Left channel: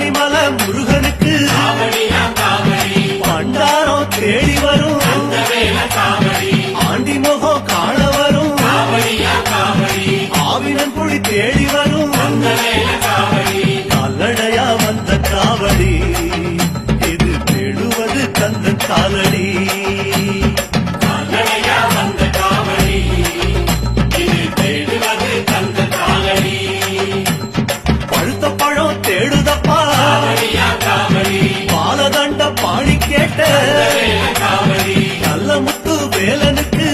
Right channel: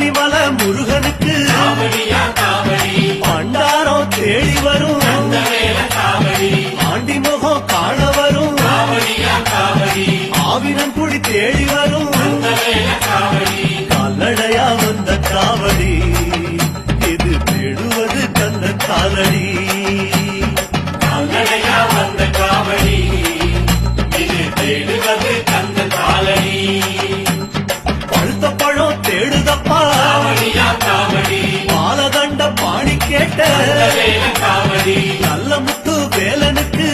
பழனிமல முருகனுக்கு பண்டாரம் தேடி வரும் ஆண்டி முகம் காண வரும் ஆவினன் குடி தேடி வரும் கால்நடையா வந்த காவடி இது தேடுவது கந்தன் காலடி பழுத்த பழம் தேடுதப்பா பாலதண்ட பாணி கேட்ட நல்ல முத்து வேலனுக்கு